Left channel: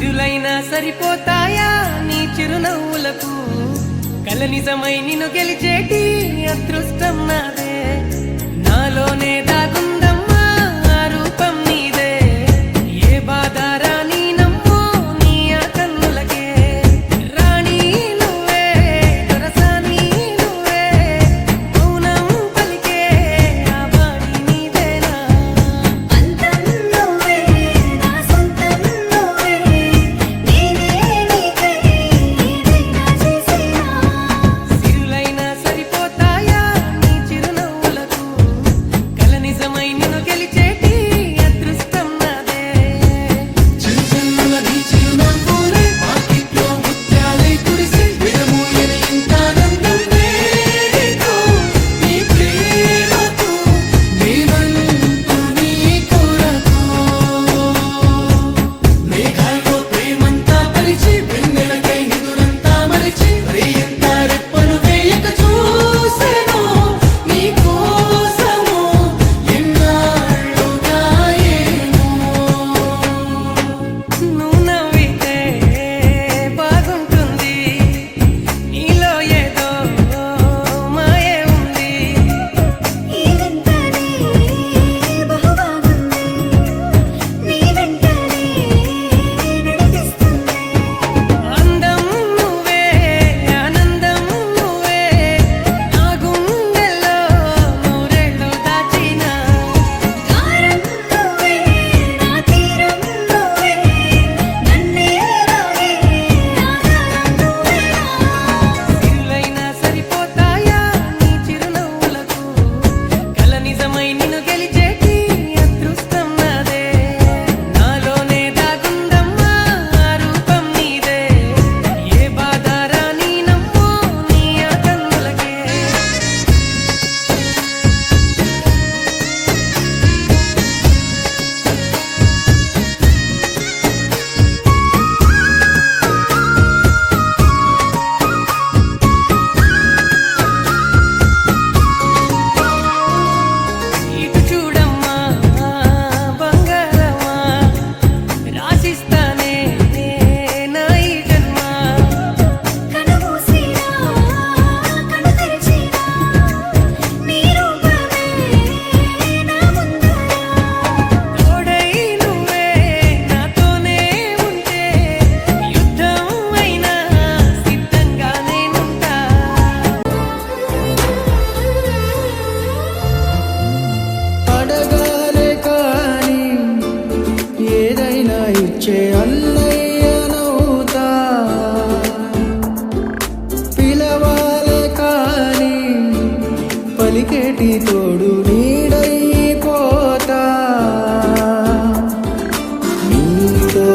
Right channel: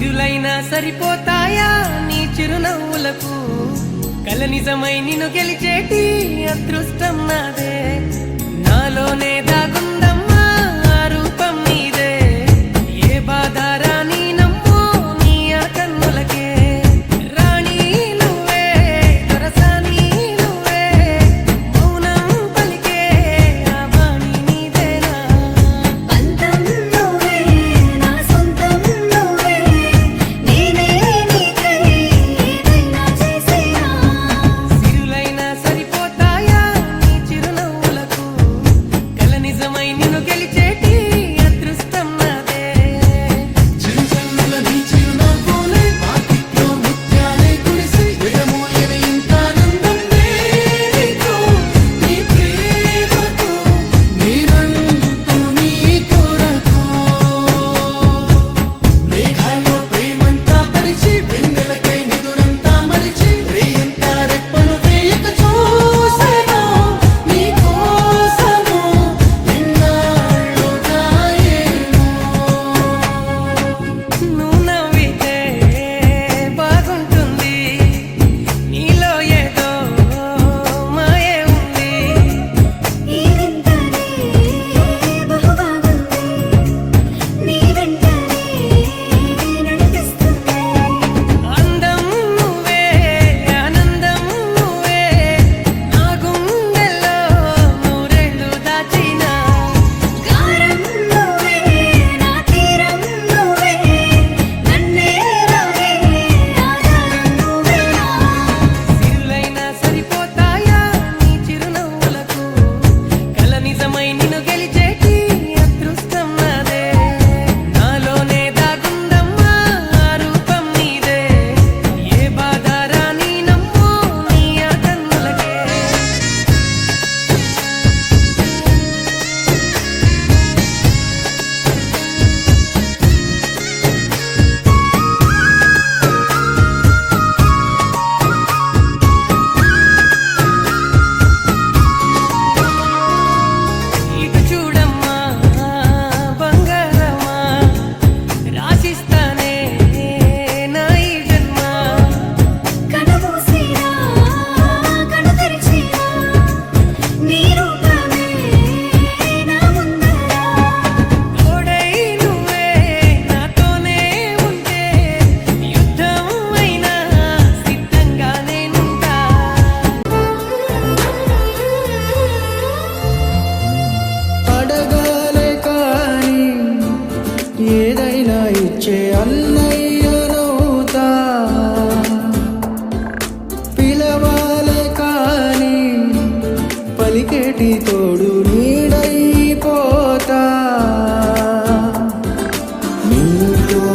సిరులైనా సరిపోతాయా నీ చిరునవ్వులకు కల నిజమై నిన్ను గెలిచేటి అదృష్టం నాదే నాలోనే దాగుందమ్మా ఆ రూపం నీదే ఏ బాధ రాని నమ్మో నీ ఆ కన్నులకే రాణి నువ్వే దొరసాని నువ్వే మౌనం పలికే ఆ వాణి నీదేనా అంతం నువ్వే నా సొంతం నువ్వే నేనే నీకై ఏదైనా చేసేనా సిరులైనా సరిపోతాయా నీ చిరునవ్వులకు కల నిజమై నిన్ను గెలిచేటి అదృష్టం నాదే చిరుజల్లుల నీ చిరునవ్వులే వాకిట్లో ముత్యాలే కురిసి విడమూయని ఇంత ఆనందం నీకు నీ ప్రేమతో నేనంటూ నీ కొరకు మేఘాల్లో ప్రేమంతా పరిచి వెన్నెలకై నిదురంతా మరిచి రేయంతా రెప్పలు వేయక చూసెను నీ కోసము ఎన్నాళ్ళుగా ఏమో నువ్వు నవ్వితే బాగుంటుంది నీలో ఏదో మాయే ఉంది ఈ వింతనే బహుబాగుంది నీ వెంటనే నడిపిస్తుంది అందం నువ్వే ఆనందం నువ్వే నా గుండెల్లో నూరేళ్ళు దాచినా గారం నువ్వే నా తీరం నువ్వే నన్నే లాగే ఆధారం నువ్వేనా సిరులైనా సరిపోతాయా నీ చిరునవ్వులకు కల నిజమై నిన్ను గెలిచేటి అదృష్టం నాదే నాలోనే దాగుందమ్మా ఆ రూపం నీదే ఏ బాధ రాని నమ్మో నీ ఆ కన్నులకే ఇటు చూడమ్మా బంగారమా రాసిస్తానే నా ఈ జన్మ కనుమూసినా కను తెరిచినా నీ రూపమే నా ముందర తోడై నువ్వే నాతోనే ఉంటే యుద్ధం అయినా సిద్ధంగా నేనుంటా అడగాలే కాని ఏదైనా ఇచ్చే అన్నయ్యనవుతా పిలవాలే కాని పలికేటి తోడు నీడైపోతా ఇంట్లో